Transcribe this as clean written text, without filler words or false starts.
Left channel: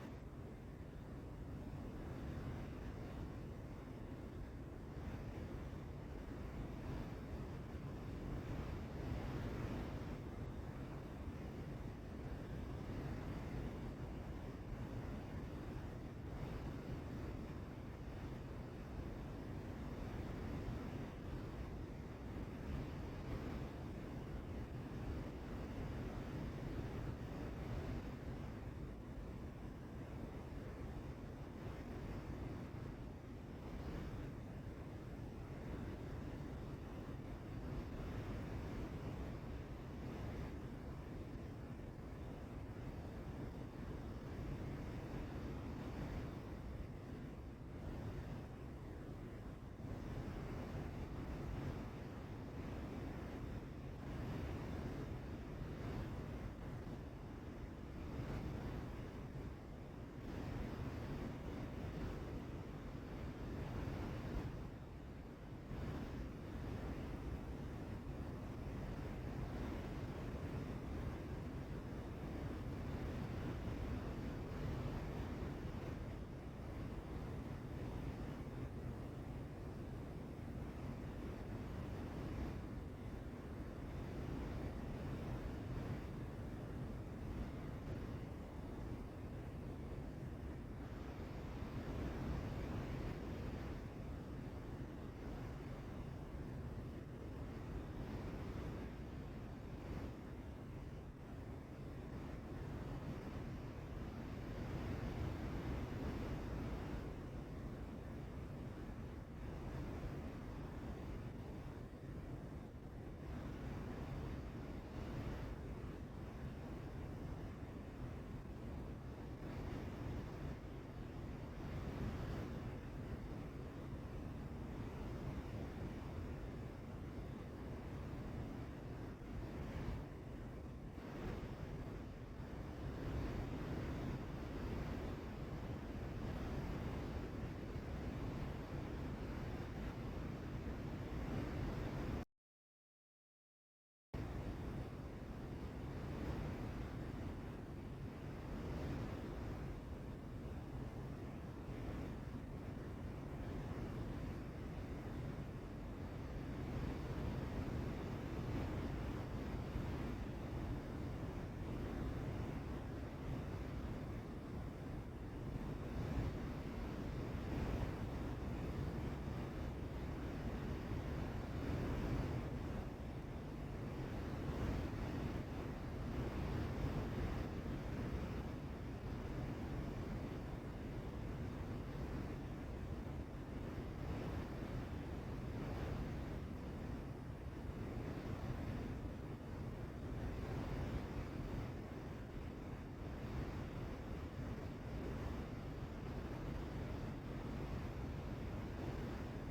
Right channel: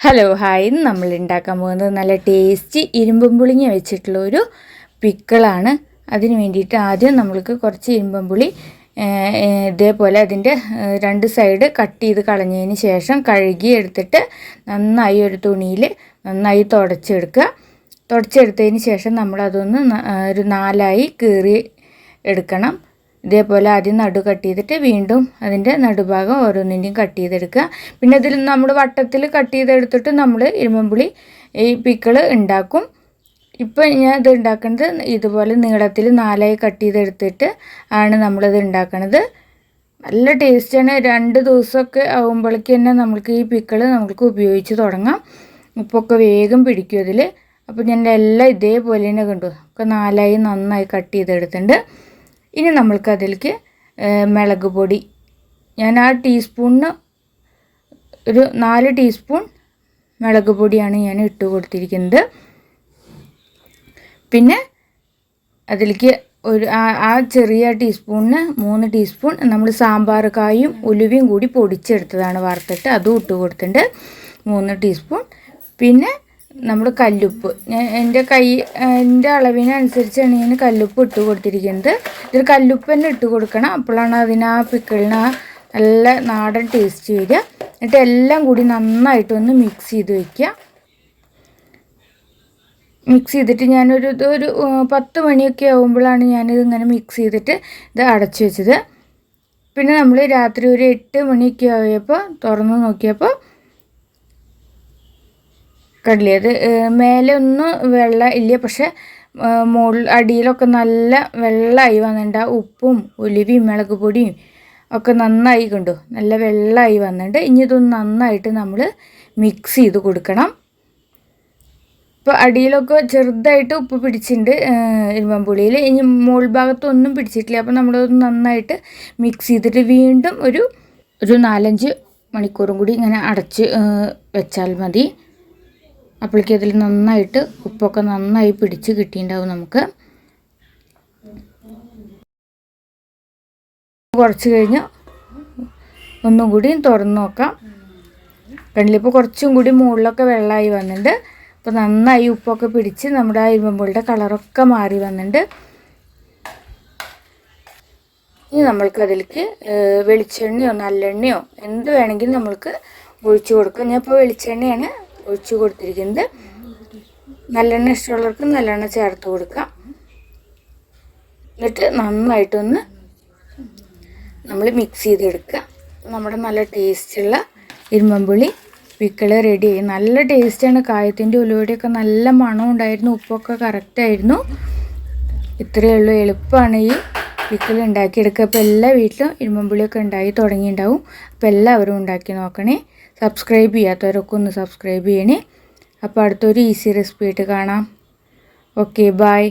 Hello hi, ഇന്ന് നമ്മൾ ഉണ്ടാക്കാൻ പോകുന്നത് നല്ല ടേസ്റ്റി ഇരുമ്പും പുളിങ്ങ വെച്ചിട്ടുള്ള ഒരു പിക്കിളാണ്. അതിന് വേണ്ടിയിട്ട് ആദ്യം നമ്മൾക്ക് കുറച്ച് ഇരുമ്പും പുളി ഇതേപോലെ അതിൻ്റെ രണ്ട് സൈഡ് കട്ട് ചെയ്ത് കളഞ്ഞതിന് ശേഷം കഴുകി എടുത്തിട്ട് നന്നായി ഒരു തുണിയിൽ നന്നായി തുടച്ചെടുത്തതിന് ശേഷം നമ്മളതൊന്ന് ഒരു നാലായി കീറി എടുക്കണം. ഇതേപോലെ ആദ്യം നടു കട്ട് ചെയ്തിട്ട് വീണ്ടും അതിൻ്റെ നടുഭാഗം ഓരോന്നിൻ്റെയും കട്ട് ചെയ്തെടുക്കുക. പിന്നെ ഇതിൽ നമ്മൾ വട്ടത്തിൽ കട്ട് ചെയ്തെടുത്തിട്ട് നമ്മൾ ഇരുമ്പുളി ഈ പിക്കിള് ഉണ്ടാക്കും. ഇപ്പം ഞാൻ ഇത് ഉണ്ടാക്കുന്നത് ഇതുപോലെ നീളത്തിൽ നാലായി കട്ട് ചെയ്തെടുത്തിട്ട് ആണ് നമ്മളിത് ഉണ്ടാക്കുന്നത്. നല്ല ടേസ്റ്റാണ്. 2 ദിവസമൊക്കെ ആകുമ്പോഴേക്ക് തന്നെ നമുക്ക് ഈ പിക്കിള് നമുക്ക് ഉപയോഗിച്ച് തുടങ്ങാം. ഉപ്പൊക്കെ വേഗം പിടിക്കും അതിൽ. അപ്പോൾ ഞാൻ എല്ലാം ഇതേപോലെ തന്നെ കണ്ടു ഒക്കെ നാലായി നന്നായി കട്ട് ചെയ്തെടുത്തിട്ടുണ്ട്. ഇനി നമ്മൾക്ക് അതിലേക്ക് മുളക് പൊടി, ഞാൻ ആ ടീസ്പൂണിന് ഒരു 4 ടീസ്പൂൺ മുളക് പൊടിയാണ് ഞാൻ ഇട്ട് കൊടുത്തിരിക്കുന്നത്. പിന്നെ അതിലേക്ക് ഒരു ആ ചെറിയ ടീസ്പൂണിന് 3 ടീസ്പൂൺ നമ്മൾ സാമ്പാർ കായും ഉലുവയും കൂടി പൊടിച്ചെടുത്തതാണ് വറുത്തിട്ട്, അതും ഇട്ട് കൊടുത്തിട്ടുണ്ട് 3 ടീസ്പൂൺ. പിന്നെ നമ്മൾ കല്ലുപ്പ്, എൻ്റെ അളവിനനുസരിച്ചാണ് ഞാൻ കല്ലുപ്പ് ഇട്ട് കൊടുത്തിരിക്കുന്നത്. ഇതിൽ കല്ലുപ്പ് തന്നെ ഇട്ട് കൊടുക്കണം, അപ്പോഴാണ് അതിന് ആ പിക്കിളിന് നല്ല നാടൻ ടേസ്റ്റ് വരിക. എന്നിട്ട് എല്ലാം കൂടി നന്നായിട്ടൊന്ന് മിക്സ് ചെയ്ത് വയ്ക്കുക. മിക്സ് ചെയ്തിട്ട് ഞാനൊരു 10 മണിയൊക്കെ ആകുമ്പോഴാണ് ഞാനിത് ഇങ്ങനെ മിക്സ് ചെയ്തിട്ട് ഇത് അടച്ചു വെച്ചത്. പിന്നെ നമ്മൾ രാത്രി ഒരു 8 മണിയൊക്കെ ആയപ്പോൾ തുറന്ന് നോക്കിയപ്പോൾ കണ്ടില്ലേ, അത് മേലെ ഒന്നും വെള്ളം ഇല്ല, പക്ഷെ അടിയിലൊക്കെ നല്ല വെള്ളമായി വന്നിട്ടുണ്ട്. ആ ഉപ്പും ഉലുവയും മുളക് പൊടിയും ഒക്കെ നന്നായി കണ്ടു, നല്ല വെള്ളമായി വന്നിട്ടുണ്ട്. ഇനി ഇതൊന്ന് നന്നായിട്ട് നമ്മൾ മിക്സ് ചെയ്ത് കൊടുക്കണം. ഇപ്പോൾ അടിയിലൊക്കെ ചെറുതായിട്ട് ഉപ്പ് പിടിച്ചിട്ടുണ്ട് ഇരുമ്പൻ പുളിയിൽ, ഇനി മുകൾ ഭാഗത്തൊന്നും പിടിച്ചിട്ടില്ല. അപ്പോൾ നമ്മളതൊന്ന് നന്നായിട്ട് മിക്സ് ചെയ്തിട്ട് വീണ്ടും ഒരു 4-5 മണിക്കൂറും കൂടി ഇങ്ങനെ അടച്ച് വെച്ചാൽ മതി. അപ്പോഴേക്കും അതിൽ നന്നായിട്ട് ഉപ്പൊക്കെ നന്നായി പിടിച്ച് കിട്ടിയിട്ടുണ്ടാവും. നമുക്ക് കുറച്ച് കഴിഞ്ഞ് ഒന്നും കൂടി തുറന്ന് നോക്കാം. കണ്ടില്ല, ഇപ്പോൾ കുറച്ചും കൂടി മുകളിലൊക്കെ വെള്ളമായി വന്നിട്ടുണ്ട്. അപ്പോൾ നന്നായി ഉപ്പൊക്കെ പിടിച്ച് നമ്മുടെ ആ ഇരുമ്പുളിയുടെ കളറൊക്കെ മാറി വന്നിട്ടുണ്ട്. ഇനി നമ്മൾക്ക് അതിലേക്ക് വെളിച്ചെണ്ണയോ നല്ലെണ്ണയോ എന്ത് വേണമെങ്കിലും നമ്മൾക്ക് ഒഴിച്ചു കൊടുക്കാം. ഞാൻ ഇപ്പോൾ വെളിച്ചെണ്ണയാണ് ഒഴിച്ചു കൊടുത്തിരിക്കുന്നത്. നല്ലെണ്ണ ഇഷ്ടമുള്ളവർക്ക് നല്ലെണ്ണ ചേർത്ത് കൊടുക്കാം. എന്നിട്ട് നന്നായിട്ടൊന്ന് നമ്മൾ മിക്സ് ചെയ്തെടുക്കുക. നമ്മുടെ നല്ല ടേസ്റ്റുള്ള ഇരുമ്പുളി പിക്കിള് റെഡിയായി. നല്ല ടേസ്റ്റാണ്. കായത്തിൻ്റെ ഉലുവയുടെയൊക്കെ നല്ല മണം ഉണ്ടായിരുന്നു, ഉപ്പൊക്കെ കറക്റ്റായിരുന്നു. ഇത്രയേ ഉള്ളൂ, എളുപ്പമാണ് ഈ പിക്കിൾ ഉണ്ടാക്കിയെടുക്കുക. അപ്പോൾ എല്ലാ വീട്ടിലും ഇരുമ്പുളിയൊക്കെ ഉണ്ടായി തുടങ്ങിയിട്ടുണ്ടാവും. അപ്പോൾ എല്ലാവരും ഉണ്ടാക്കി നോക്കണേ. സബ്സ്ക്രൈബ് ചെയ്യാത്തവരൊക്കെ ഒന്ന് സബ്സ്ക്രൈബ് ചെയ്യണേ. അപ്പോൾ അടുത്തൊരു ഈസി റെസിപ്പി ആയിട്ട് കാണാം. Okay, by.